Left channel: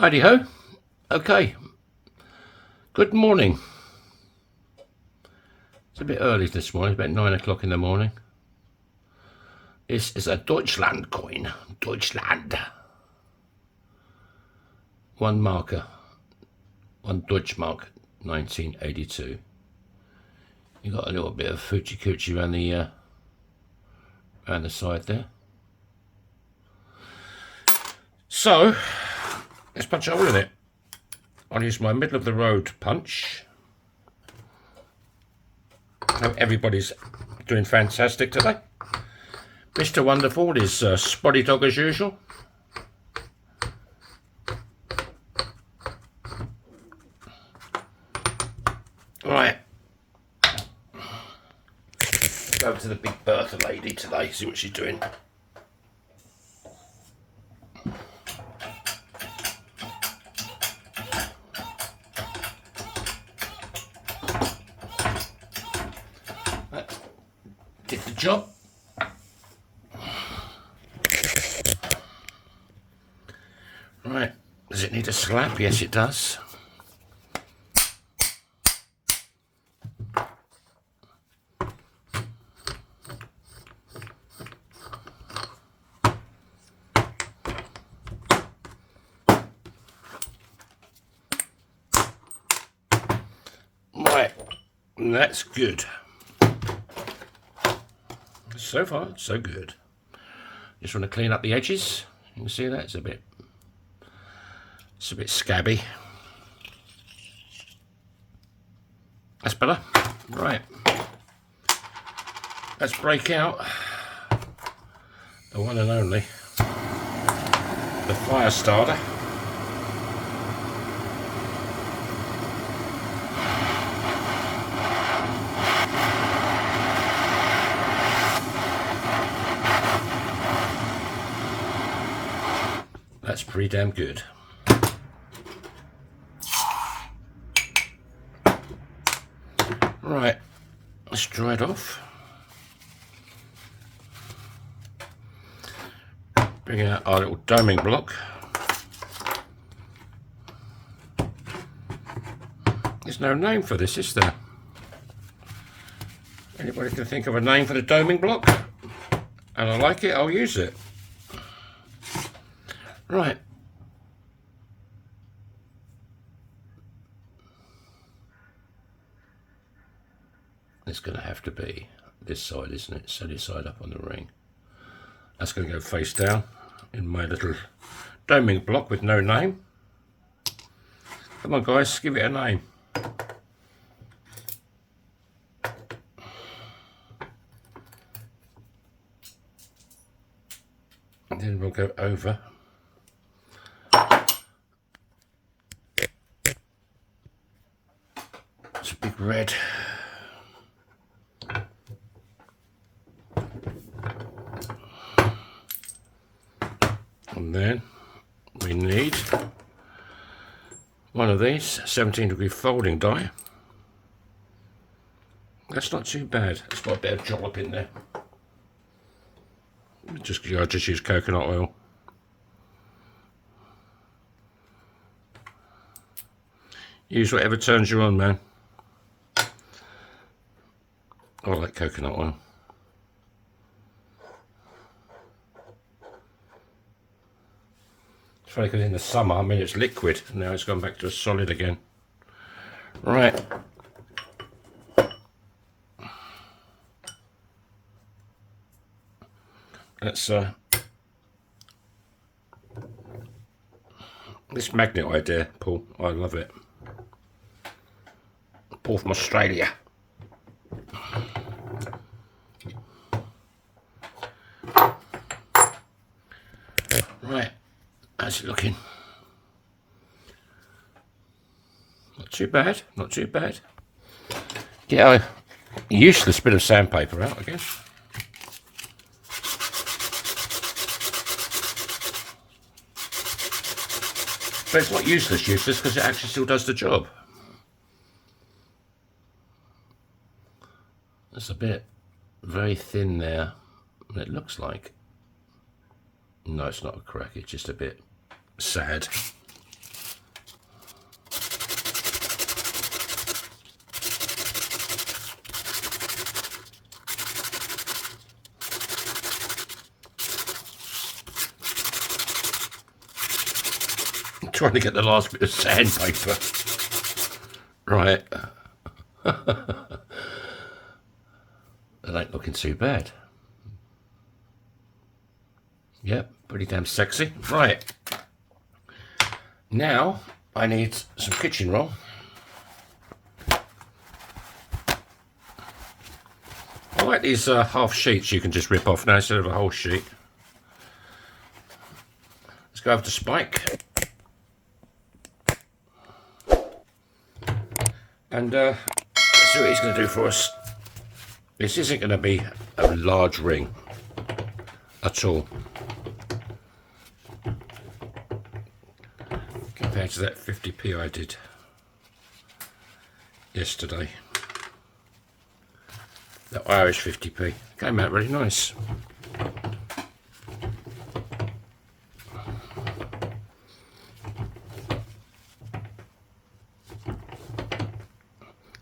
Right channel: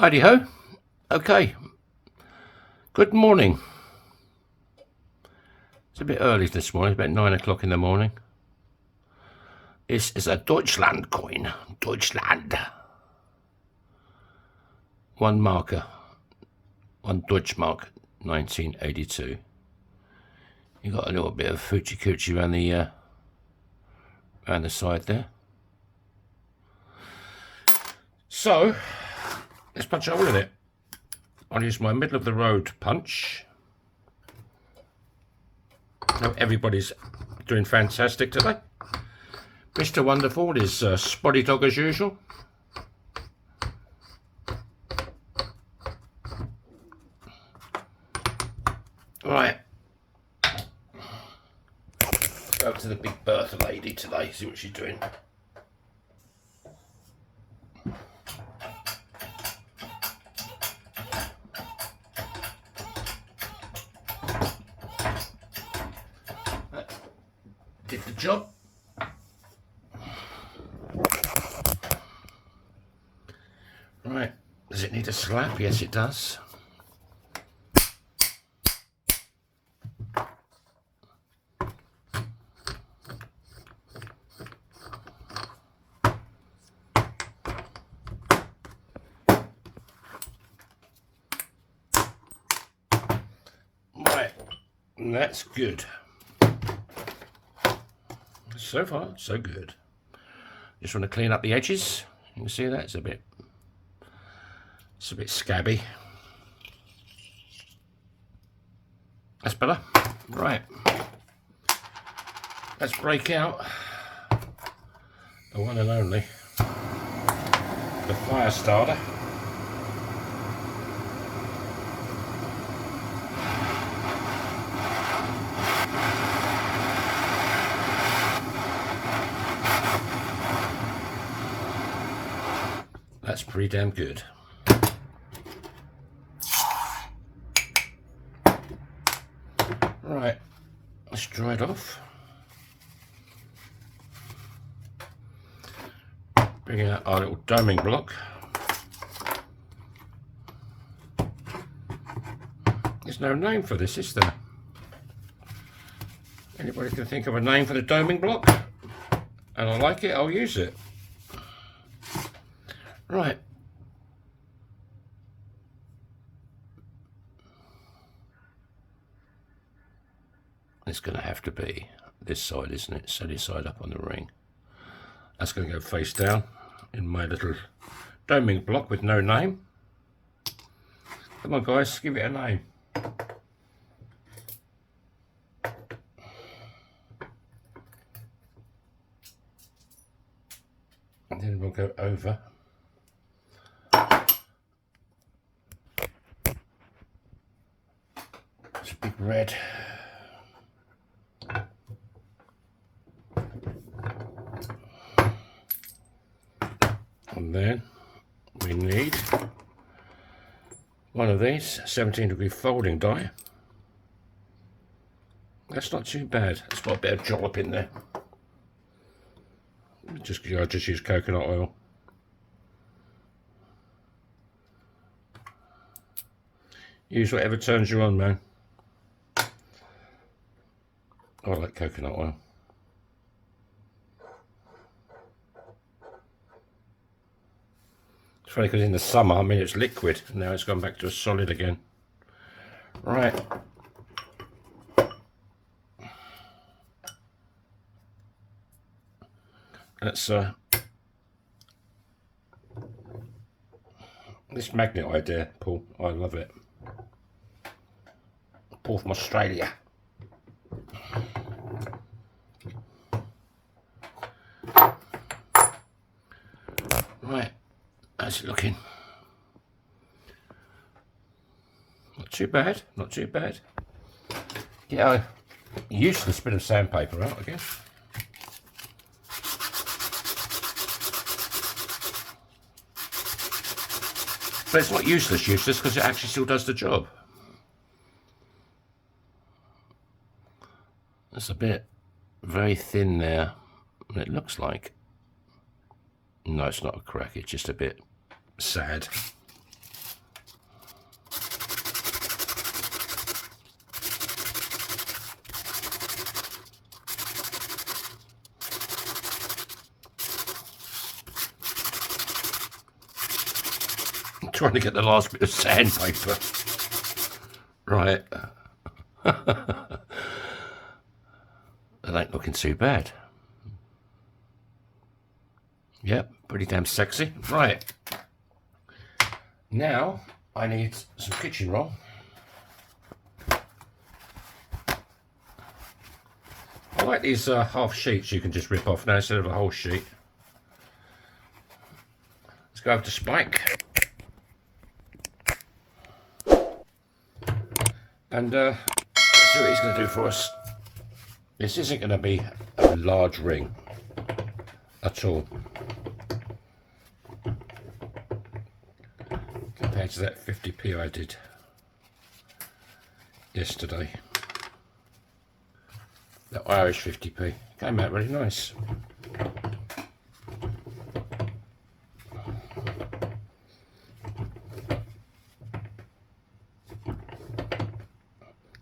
Heidi ho. Okay. Good morning. It's a bit early this morning. It's about 9 o'clock in the morning. This is a Deutschland coin. Deutschland. One marker. One Deutsche Mark, 1982. You got a little bit of hoochie coochie around the side there. So let's punch a hole in it. I'll use my middle of the road punch. Hope everybody's doing fantastic today. Mr. Wonderful is spotty dog as usual. Right. Go to the Big Bertha lady today, see what she's doing. Did the job. Right, does it need a slap? Yes, it does. Right, that's good. So far, so good. Just want to clean up the edges. You can see that it's a bit scabby. That's better. Right. Let's break out the one and only, the fire starter. That's pretty damn good. Right, let's dry it off. Bring out our little doming block. There's no name for this, is there? Anybody can think of a name for the doming block? And I like it, I'll use it. Right. It's going to have to be this side, isn't it? So this side up on the ring. That's going to go face down in my little doming block with no name. Come on guys, give it a name. And then we'll go over. It's a big red. And then we need one of these 17-degree folding die. That's not too bad. It's got a bit of jollop in there. I just use coconut oil. Use whatever turns you on, man. I like coconut oil. It's funny because in the summer, I mean, it's liquid, and now it's gone back to a solid again. Right. Let's this magnet idea, Paul, I love it. Paul from Australia. Right, how's it looking? Not too bad, not too bad. Get a useless bit of sandpaper out, I guess. But it's not useless because it actually still does the job. That's a bit very thin there. It looks like. No, it's not a crack, it's just a bit sad. trying to get the last bit of sandpaper. Right. That ain't looking too bad. Yep, pretty damn sexy. Right. Now I need some kitchen roll. I like these half sheets you can just rip off now instead of a whole sheet. Let's go over to Spike. And let's see what he's going to do for us. This isn't going to be a large ring at all, compared to that 50p I did yesterday. That Irish 50p came out really nice.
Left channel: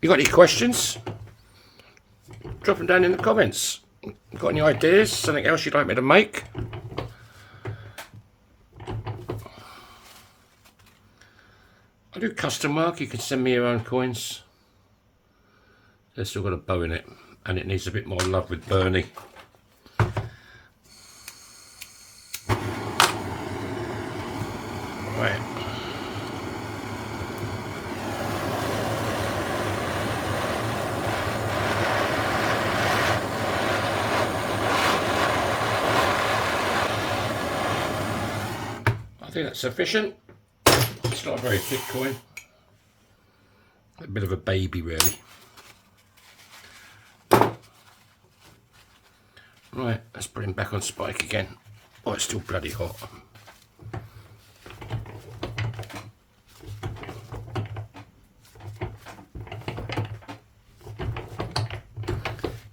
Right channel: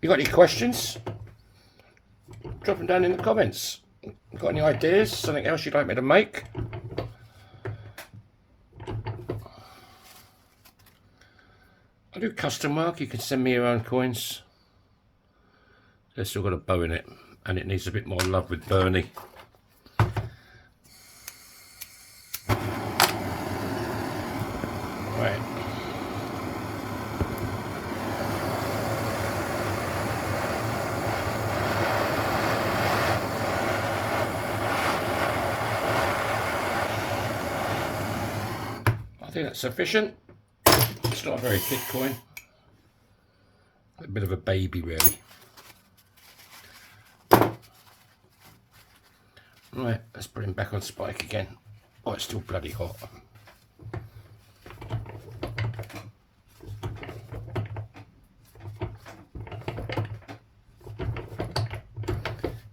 You got any questions? Drop them down in the comments. Got any ideas? Something else you'd like me to make? I do custom work. You can send me your own coins. They've still got a bow in it, and it needs a bit more love with Bernie. Right. I think that's sufficient. It's not a very thick coin. A bit of a baby, really. Right, let's put him back on Spike again. Oh, it's still bloody hot.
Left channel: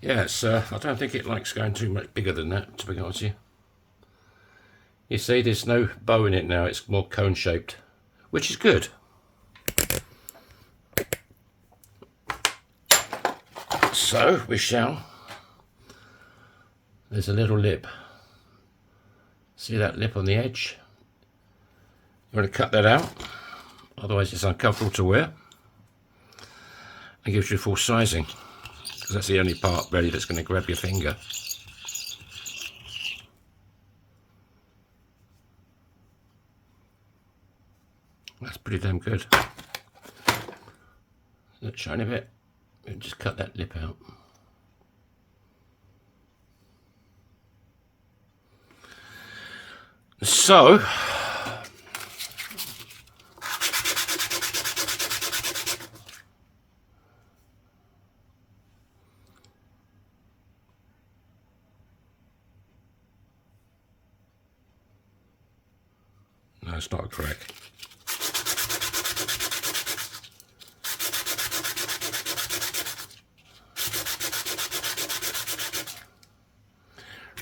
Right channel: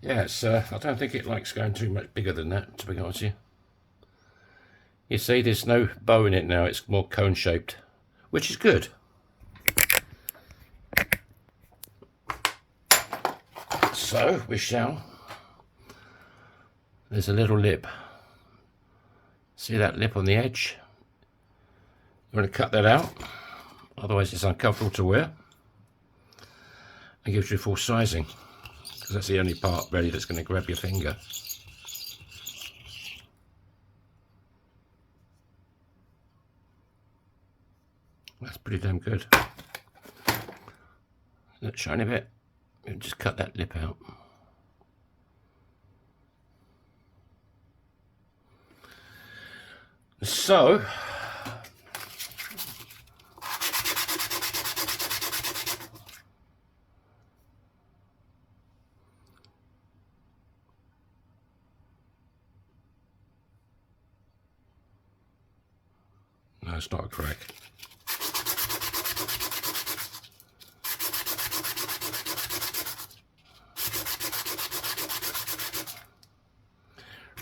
Yeah, it's, I don't think it likes going too much bigger than that, to be honest with you. You see, there's no bow in it now, it's more cone shaped, which is good. So, we shall. There's a little lip. See that lip on the edge? You want to cut that out, otherwise it's uncomfortable to wear. And gives you full sizing, because that's the only part really that's going to grab your finger. That's pretty damn good. That shiny bit, and just cut that lip out. So, no, it's not a crack.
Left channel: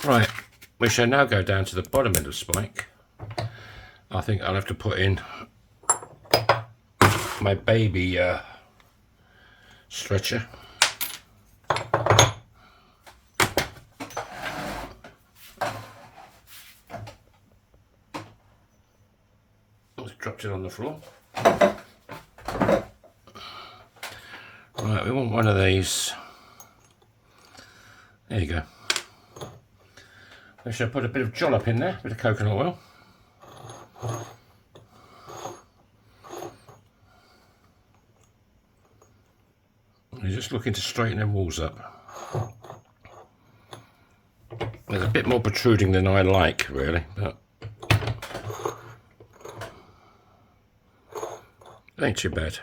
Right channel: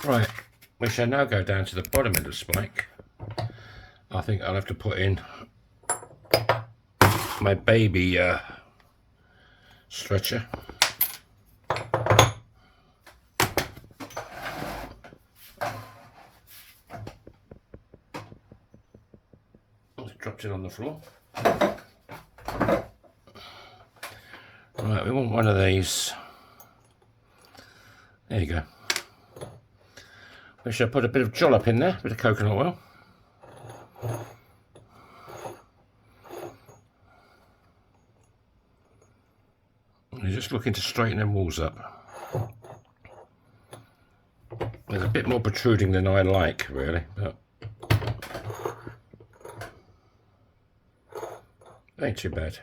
Right, we shall now go down to the bottom end of Spike. I think I'll have to put in my baby stretcher. Just dropped it on the floor. Right, we want one of these. There you go. We shall put a bit of jollop in there, a bit of coconut oil. You're just looking to straighten them walls up. There's a bit more protruding than I like, really, but it ain't too bad.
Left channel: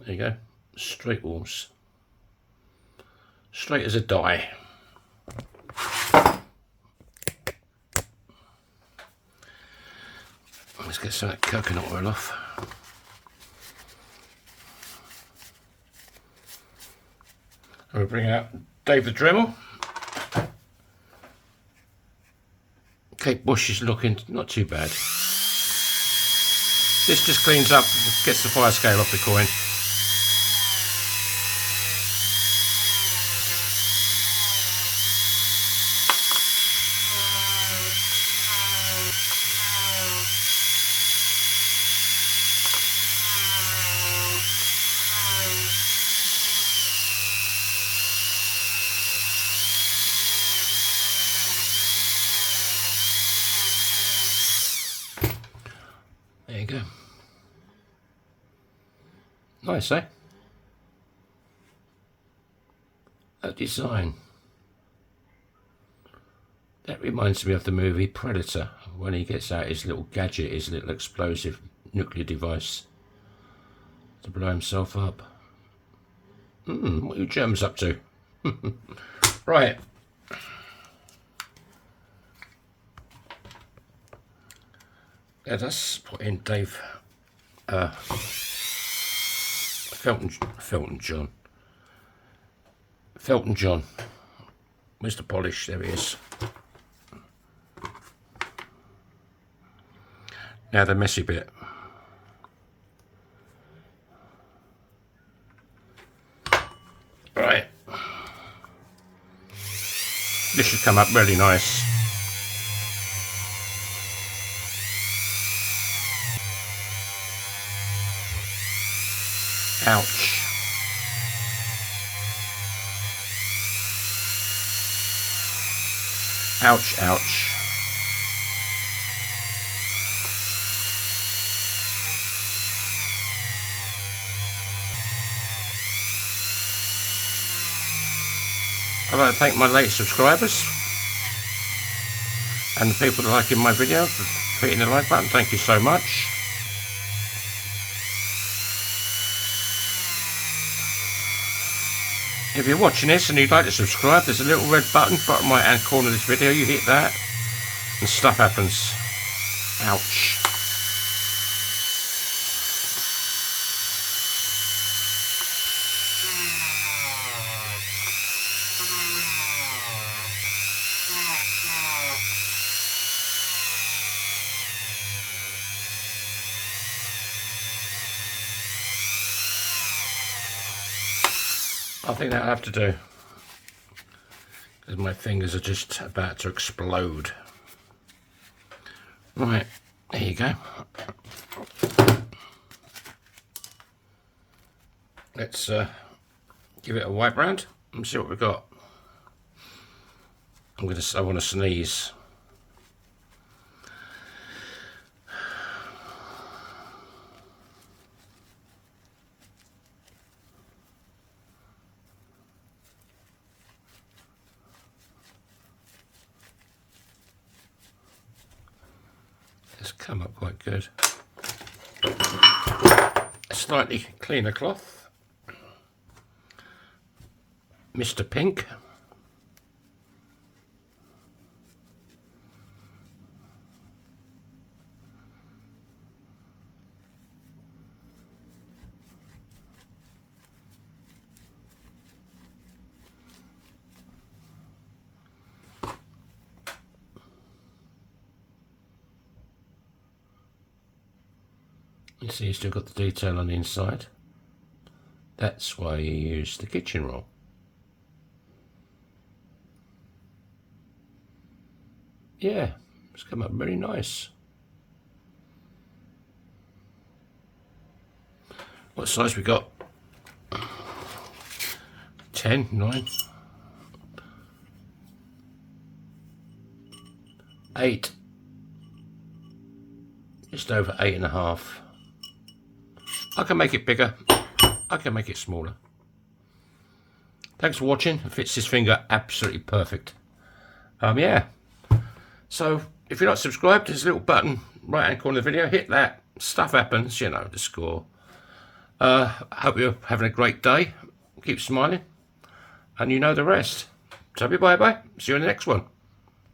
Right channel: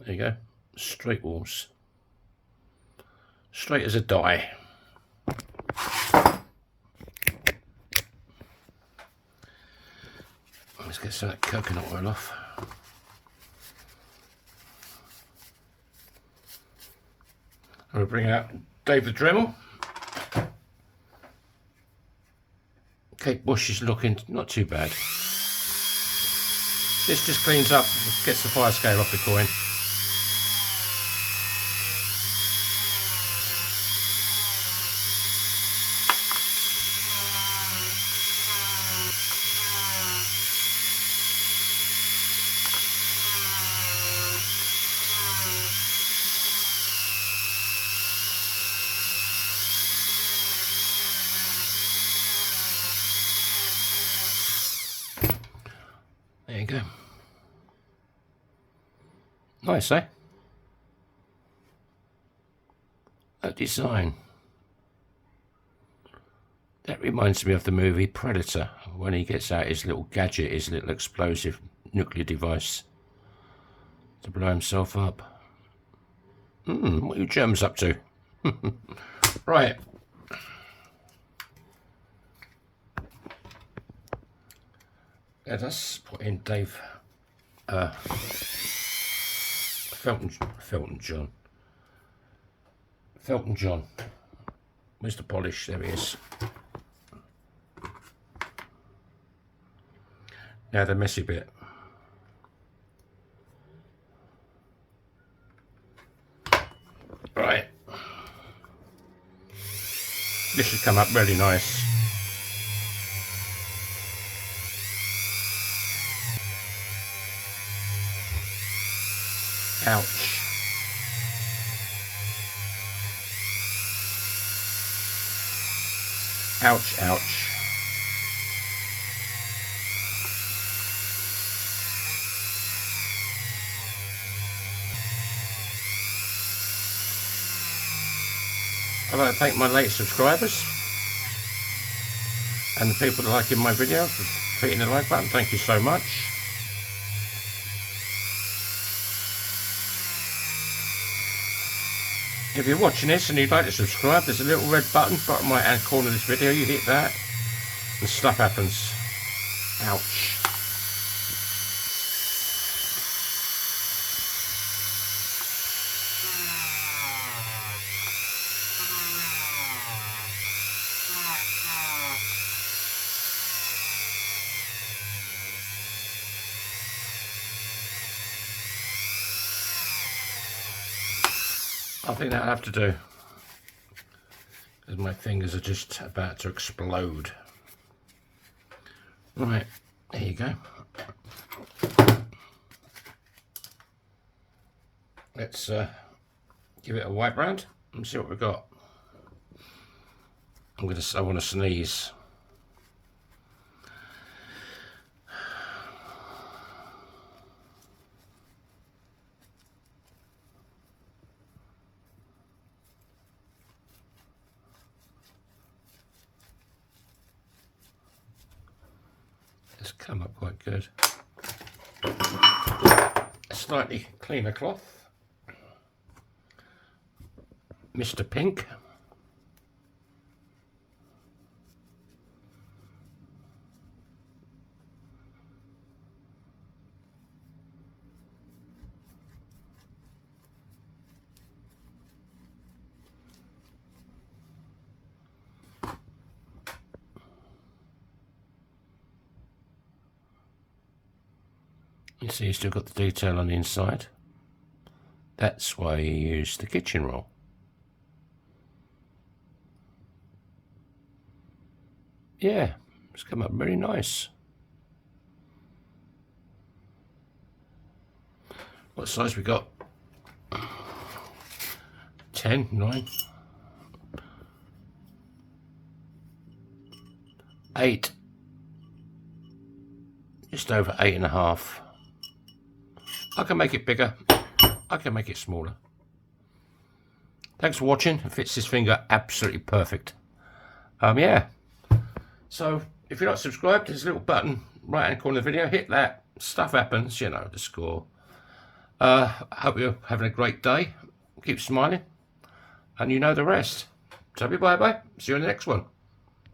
There you go. Straight walls, straight as a die. Let's get some of that coconut oil off. And we'll bring out David Dremel. Kate Bush is looking not too bad. This just cleans up, gets the fire scale off the coin. There you go. Nice, eh? That design. That reminds me of the movie Predator, when he gets out his little gadget, his little explosive nuclear device to blow himself up. What are you germs up to? Right. Let us put in Dave Felton John. Where's the polish? There he is. Now the messy bit. Right. This should come up really nice. Ouch. Ouch, ouch. I'd like to thank my late subscribers and the people that are liking my video for hitting the like button. Thank you so much. If you're watching this and you'd like to subscribe, there's a little red button bottom right hand corner of this video. You hit that and stuff happens. Ouch. I think that'll have to do, because my fingers are just about to explode. Right, there you go. Let's give it a wipe round and see what we've got. I want to sneeze. It's come up quite good. A slightly cleaner cloth. Mr. Pink. You see, you still got the detail on the inside. That's why you use the kitchen roll. Yeah, it's come up very nice. What size we got? 10, 9, 8. Just over 8.5. I can make it bigger. I can make it smaller. Thanks for watching. It fits this finger absolutely perfect. Yeah. So if you're not subscribed, there's a little button right hand corner of the video. Hit that. Stuff happens. You know the score. I hope you're having a great day. Keep smiling. And you know the rest. So bye bye. See you in the next one.